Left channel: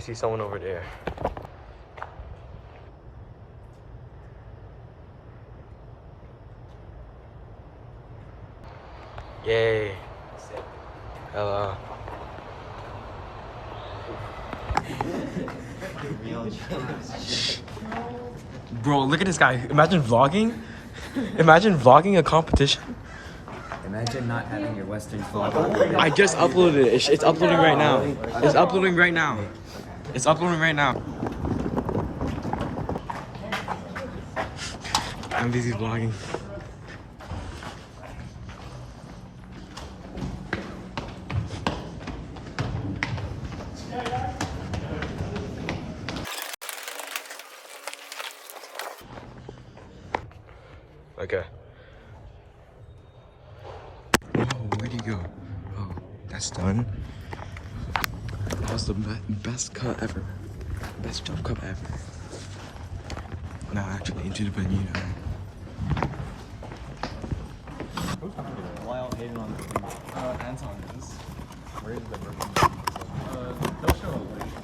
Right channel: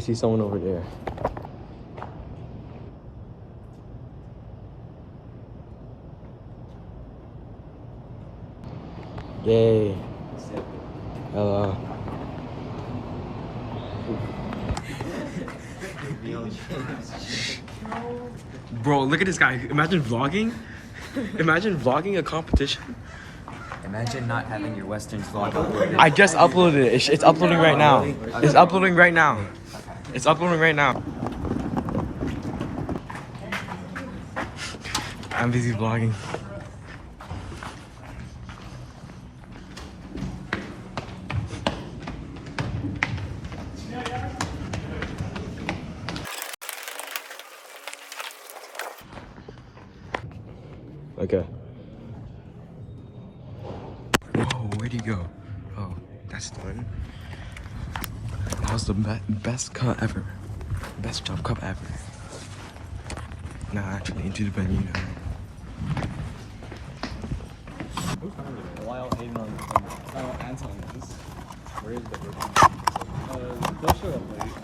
see someone over there. Yay. Hello. Bro, look at this guy. Imagine vlogging. Imagine vlogging a competition. Imagine not having your Westerns vlog uploaded. I just uploaded it. It's uploading right now. It's uploading right now. It's uploading right now. I'm busy vlogging. Okay. Whoa, where'd he go? Oh, that's done. That was the best cut ever. Best jump cut ever. Now actually into the venue now. While hating on Anton is. Where is the they'll show up late.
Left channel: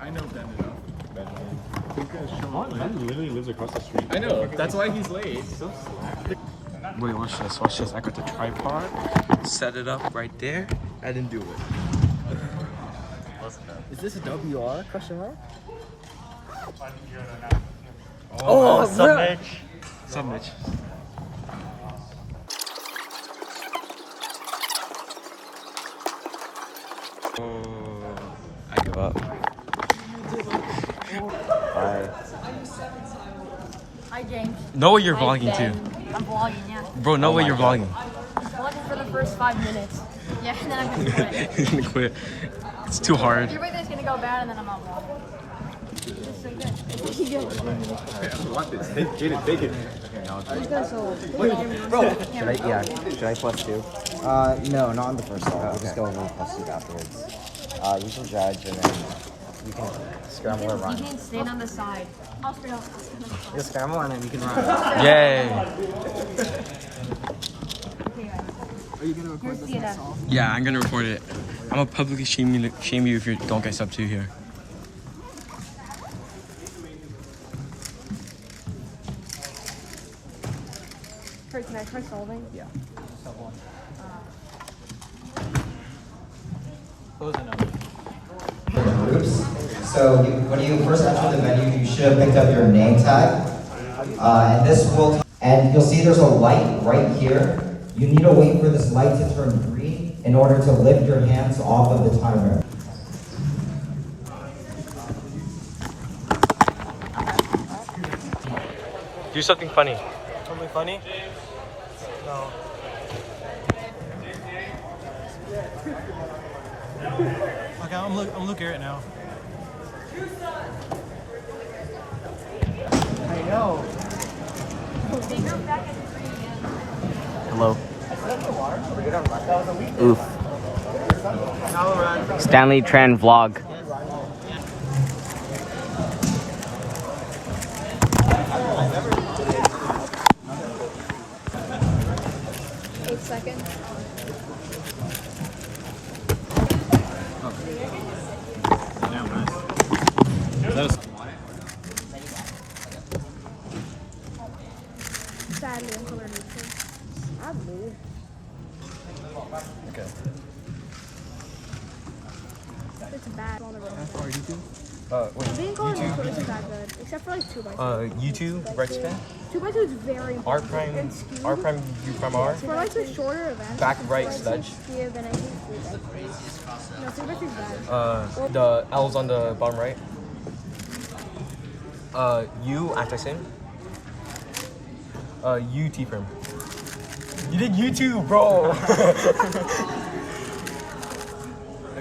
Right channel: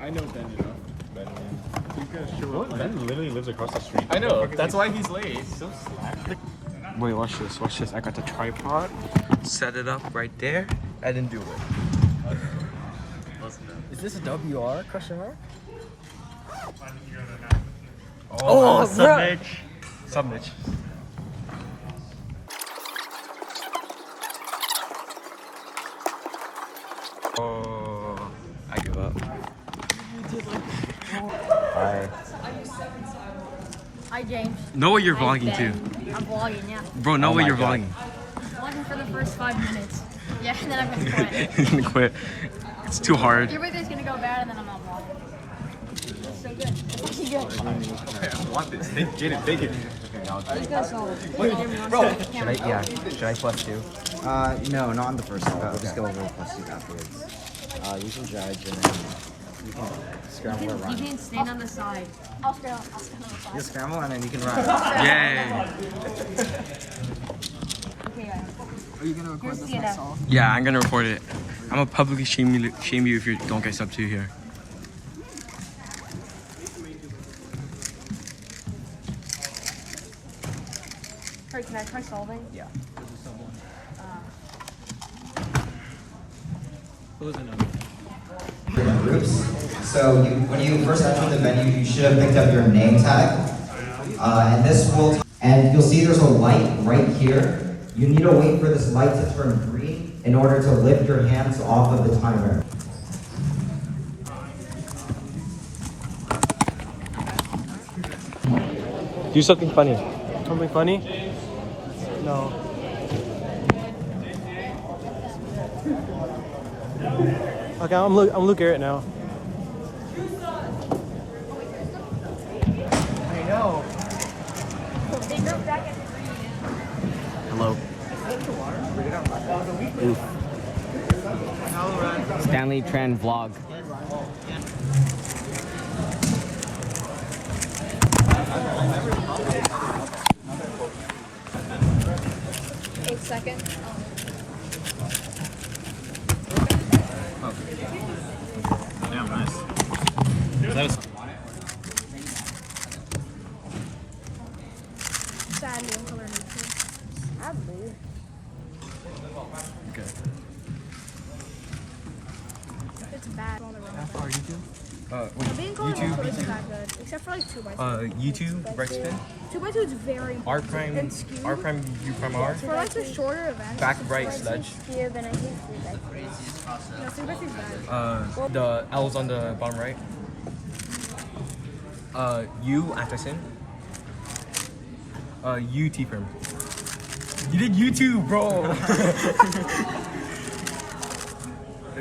I know Ben enough. He's gonna show up late. Ben literally lives across the street. I know, that's why he's late. So slack. Wait, watch this, watch this. I got the tripod, set it up right there, I didn't do it. Is this a WR question mark? Oh, submit. Submit. Oh, I give up. Hi, James. Know what you're vlogging too. I'm vlogging, yeah. Bro, know what you're vlogging. I'm vlogging for the first 5 minutes. Yeah, and then I'm gonna quit. You're gonna quit. It's too hard. Your birthday's gonna go bad, and then I'm not vlogging. This is so good. This is good. Get it, take it. You guys all. Should I plus 2? No, not on the first ball. We'll just go over plus 2 afterwards. You can judge and then you can scramble and You run. can stand on the side. I'll stand on the side. Just scramble and then you can run. Yay. Okay, guys. Are you gonna record this myself? Yeah, I'm gonna record it. I'm gonna publicly shame you if you don't get sub 2 here. Can I try solving? Yeah. This is sub 1. Close enough. Groups. So when you first enter the menu, you should have picked up your name tag. And this will, and you'll see there's a light right here. You need to wait for this light to turn green in order to lift your hands off of the timer. Do something funny. Something funny? No. Okay, I'm Luke Garrett now. I know. They drove back at 3. Hello. Oof. Stanley Tran vlog. Wait, YouTube? Except for like 2x2. YouTube, right spin? 2x2 is very R prime, U prime R. For like the shorter events. Back right sledge. Give and I think. The L's on the bottom right. U Atkinson. U T firm. You did YouTube, bro.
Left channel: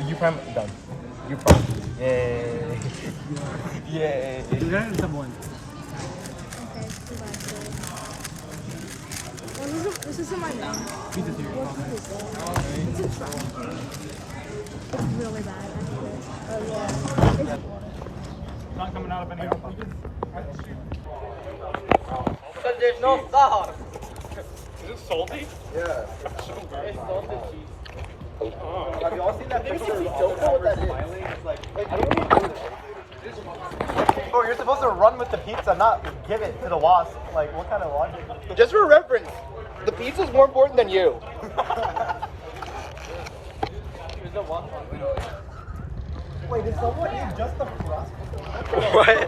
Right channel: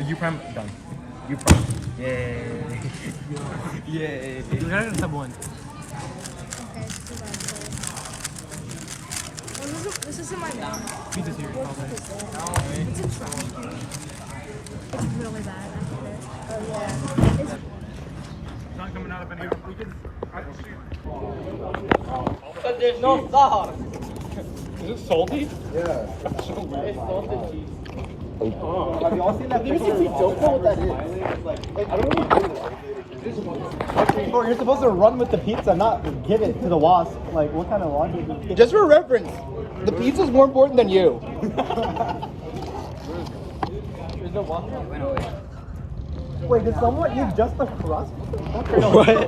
U prime done. U prime. Yay. Yay. You got it in sub 1. This is in my bag. Pizza's here, probably. Really bad. Not coming out of any There's no sauce. Is it salty? Yeah. Have you all seen that picture? Oh, you're supposed to run with the pizza, not give it to the wasp. Like, what kind of logic is this? Just for reference, the pizza's more important than you. Wait, did someone eat just the crust? What?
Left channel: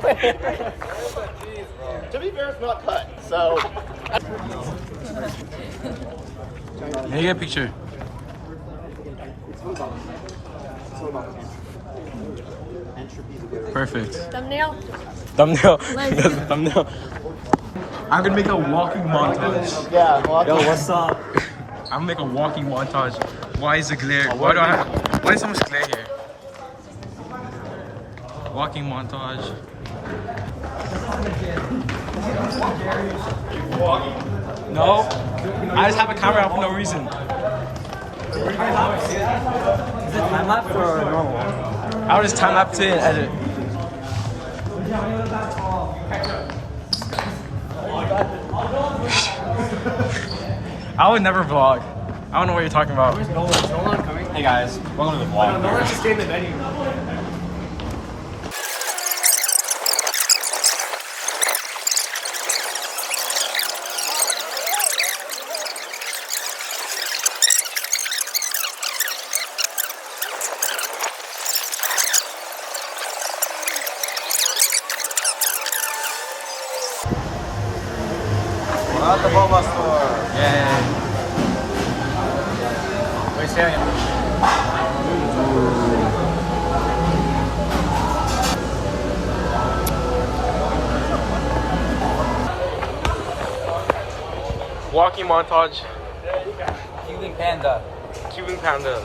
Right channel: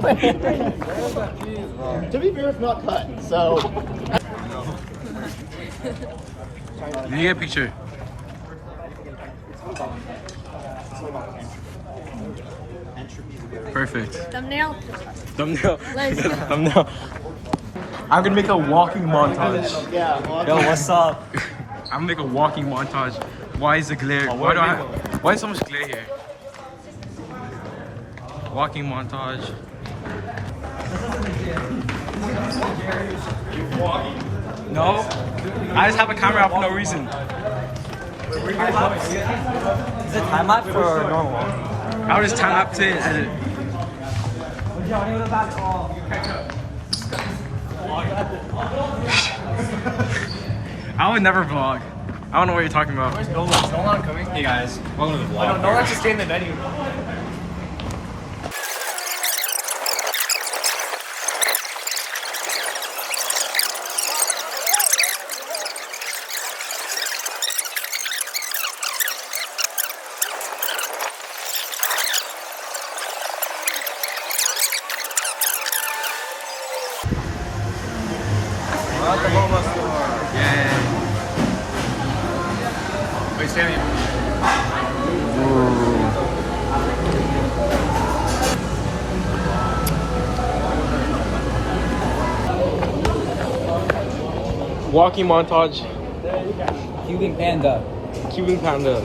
To be fair, it's not cut, so. Let me get a picture. Perfect. Thumbnail. Thumbnail. Let's That's the thumbnail. I'm gonna make a walking montage. Yo, what's up? I'm gonna make a walking montage. Why is the glare? Why is so much glare here? Walking montage. No, I just have a camera out for no reason. Is it time lapse or no? I'll just time lapse it and edit. I would never vlog. I don't know what you're talking about. Hey guys, welcome to the vlog. No, let's just stay in the venue. Yay. Wait, stay on Walking montage. Cuban panda. Cuban panda.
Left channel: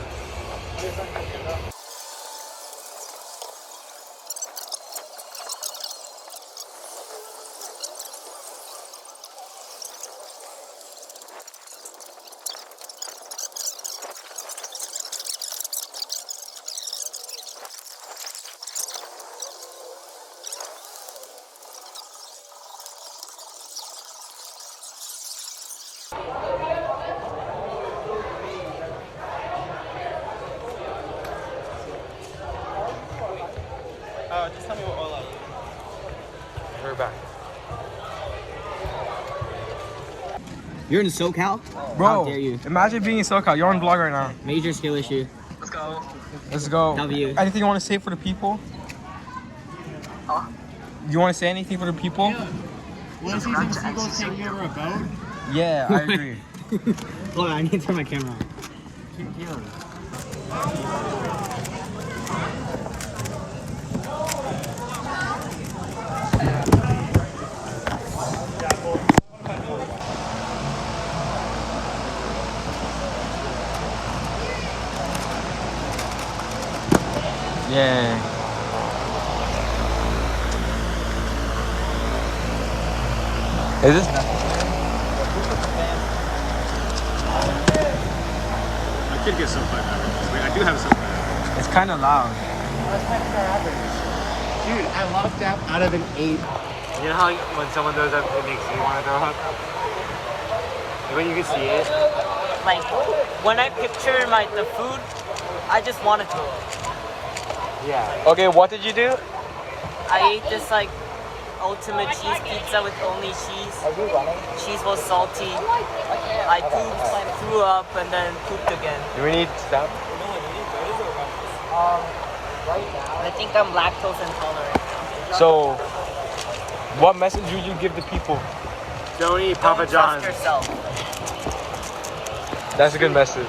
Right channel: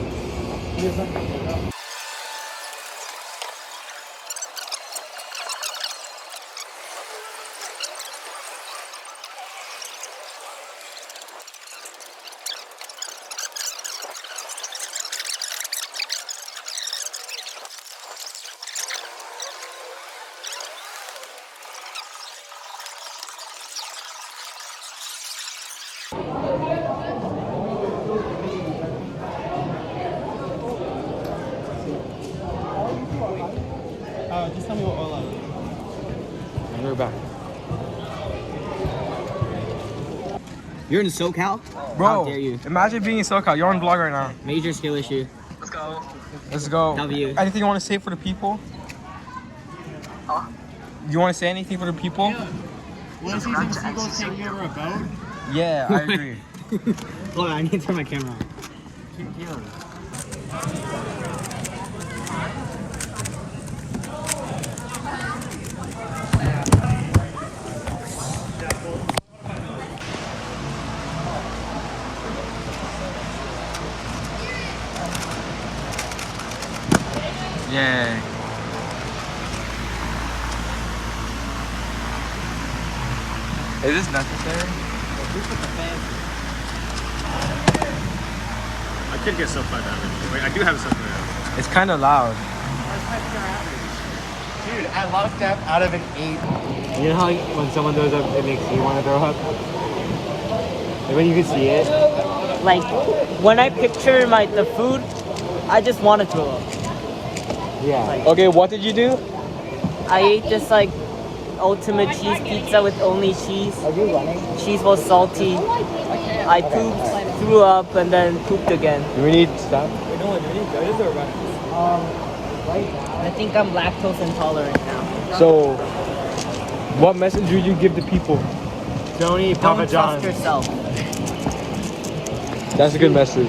We're back. You're in SoCal? Bro, How dare you? imagine being in SoCal. You're on vlog right now. Major skill issue. Let's go. W. Anything you want to say for the people? You want to say anything for the people? Want to see some seagulls take me over a boat? Yeah, I agree. Hold on, I need to turn my camera on. Yay. Is this necessary? I could get something. I do have something. It's kind of loud. Dude, I lost that out of an 8. You know how like, when someone does that, it makes you want to throw up? Like when you can see it? Like when I picture the food, I just want to throw up. Yeah. Okay, what did you do? I ate this like ultimate cheese pizza with only cheese. Are you running? Cheese was salty. I pooped, threw up, and then pooped again. Do we need staff? I think I'm lactose intolerant now. So, what message would you give the people? Don't trust yourself. That's a good message.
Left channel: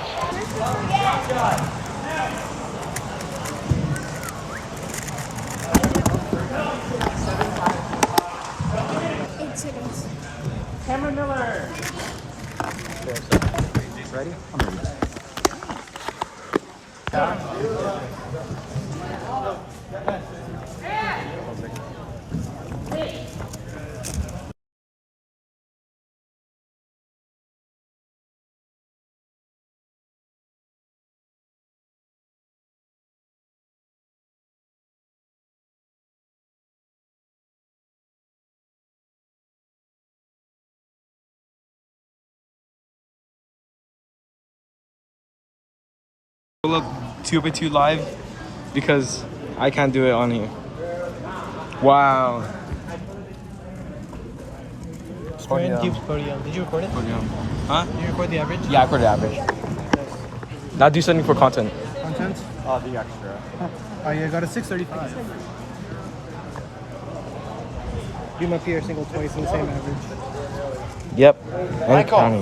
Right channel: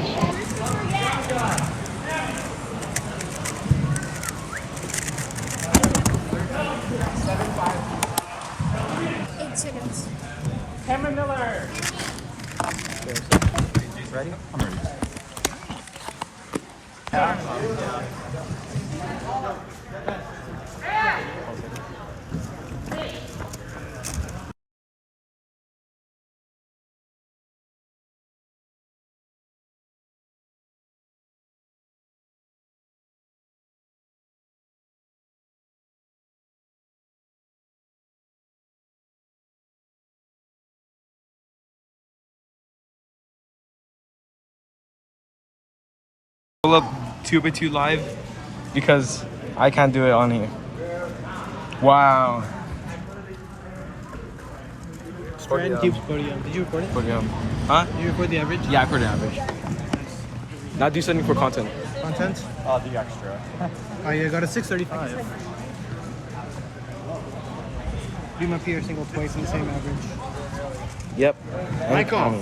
Pull up 2x2 live because I can't do it on here. Wow. Podium. Did you record it? Podium. Huh? Did you record the average? Yeah, I put the average. Now do something for content. Content? Oh, the extra. Oh, yeah, I got a 635. Beam up here, single twice in the same average. Yep. Michael.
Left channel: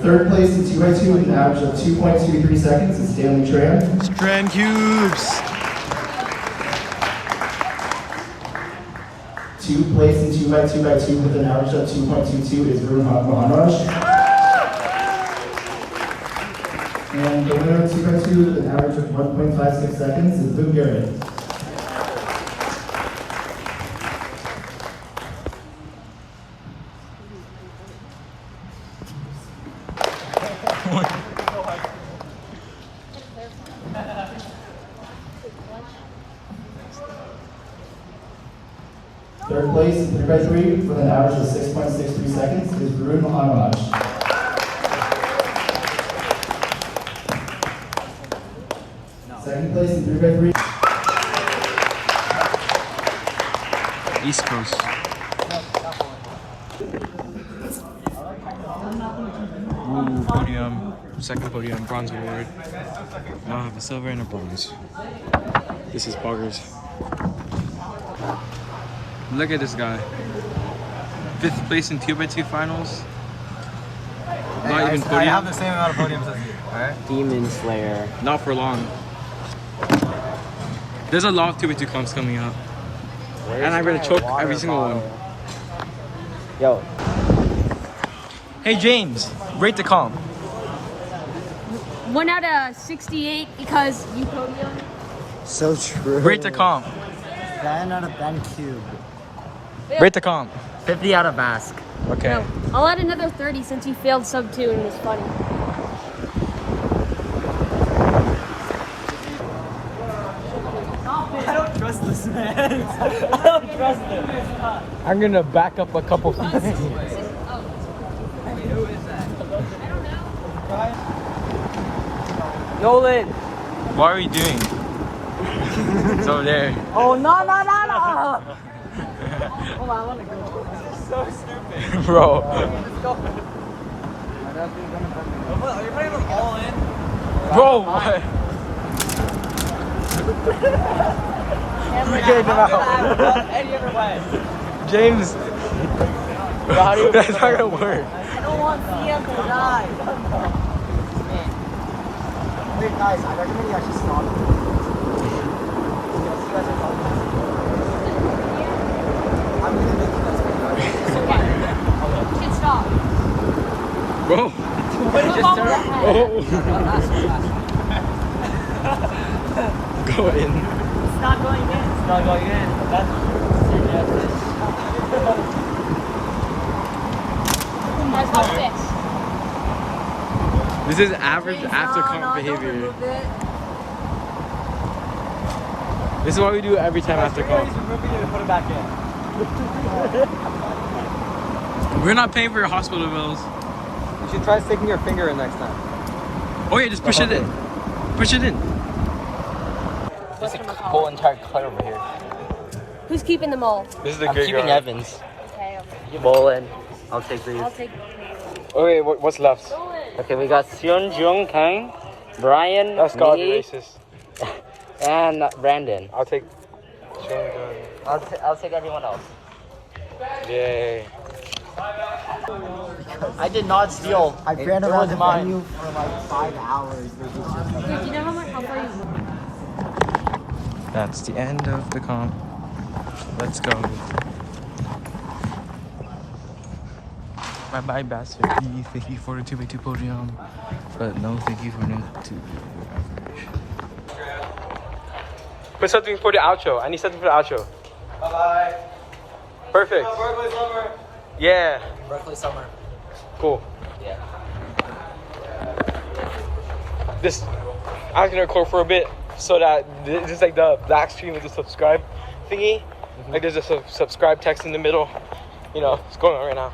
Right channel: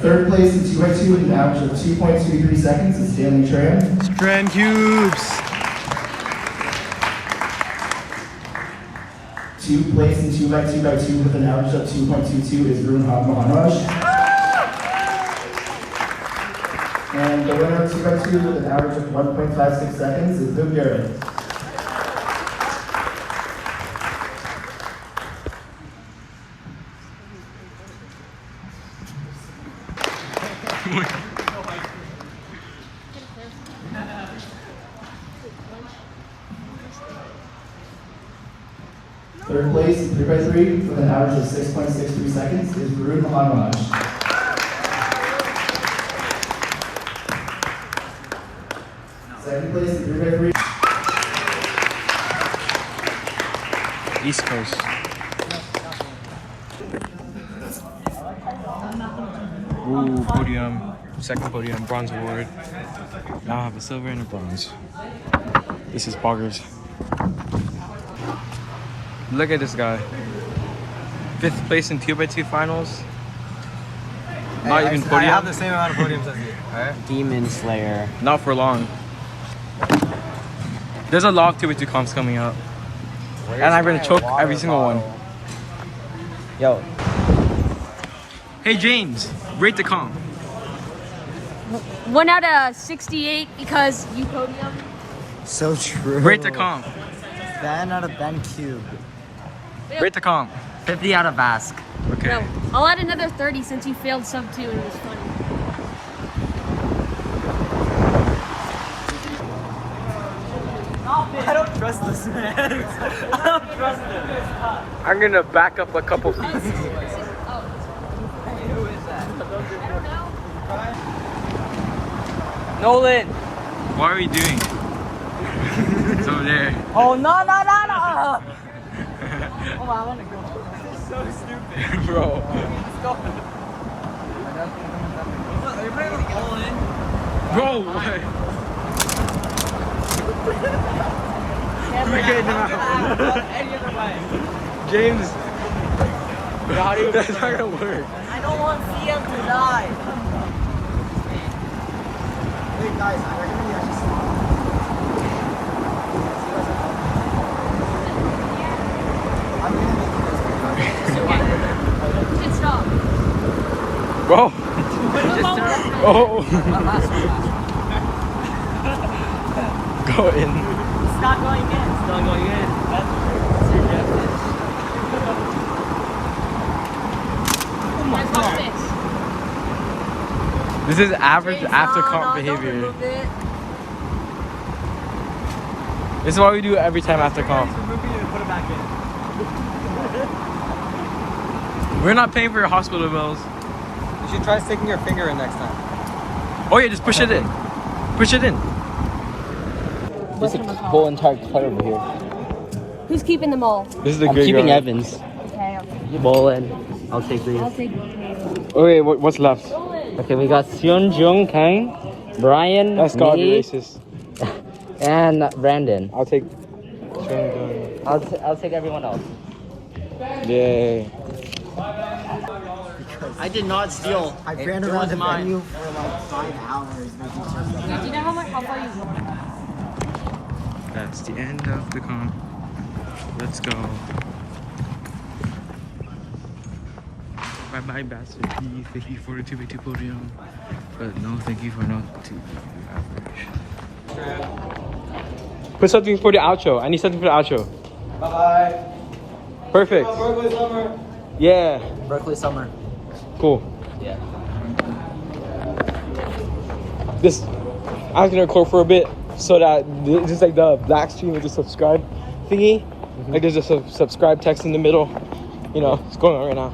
Third place in 2x2 with an average of 2.23 seconds is Stanley Tram. Strand cubes. 2nd place in 2x2x2 with an average of 2.22 is Varun Maharaj. And the winner of 2x2 with an average of 1.56 seconds is Luke Garrett. Third place in 3x3 with an average of 6.63 seconds is Varun Maharaj. Second place in 3x3. East Coast. Ooh, podium. Second podium, bronze award. Now I have a silver and a bronze. This is poggers. Look at this guy. 5th place in 2x2 finals. Not even podium. I have the same amount of podiums as you. Alright? Demon Slayer. Not for long. There's a lot of 2x2 comps coming up. And I'm gonna choke every single one. Yo. Hey James, rate the comp. 1 out of 68 because you podium. So true. Rate the comp. Ben out of Ben Cube. Rate the comp. 50 out of Ask. Okay. I'll add another 30 since you failed sub 2 and it was funny. I don't trust this man. I don't trust this. I'm gonna back up a couple feet. Who is that? Nolan. What are you doing? It's over there. Oh no no no no. Bro. Bro, what? We're getting him out. James. That's not gonna work. I don't want CM to die. I'm gonna make the best video. You should stop. Bro. Oh. Last one. Go in. It's not going in. It's not going in. Let's go fix. This is average after comp behavior. This is what we do every time after comp. We're not paying for your hospital bills. You should try sticking your finger in next time. Oh yeah, just push it in. Push it in. There's a whole entire cut over here. Who's keeping them all? This is the I'm great keeping guy. Evans. Okay. You bowl in. I'll take green. Okay, what's left? Okay, we got Sean Jung Kang, Brian, That's gotta be me, racist. and Brandon. I'll take. I'll take everyone else. Yay. I did not steal. I ran around the venue for like 5 hours. Do you know how far you That's the end of the comp. Let's go. Bye bye, Bastard. Thank you for a 2x2 podium. But no, thank you for no 2x2 average. Put something for the outro. I need something for the outro. Bye. Perfect. Berkeley summer. Yeah. Berkeley Summer. Cool. Yeah. This, I'm gonna record for a bit so that just like the black screen with the subscribe thingy. Like there's a subscribe text in the middle. You know, it's going on right now.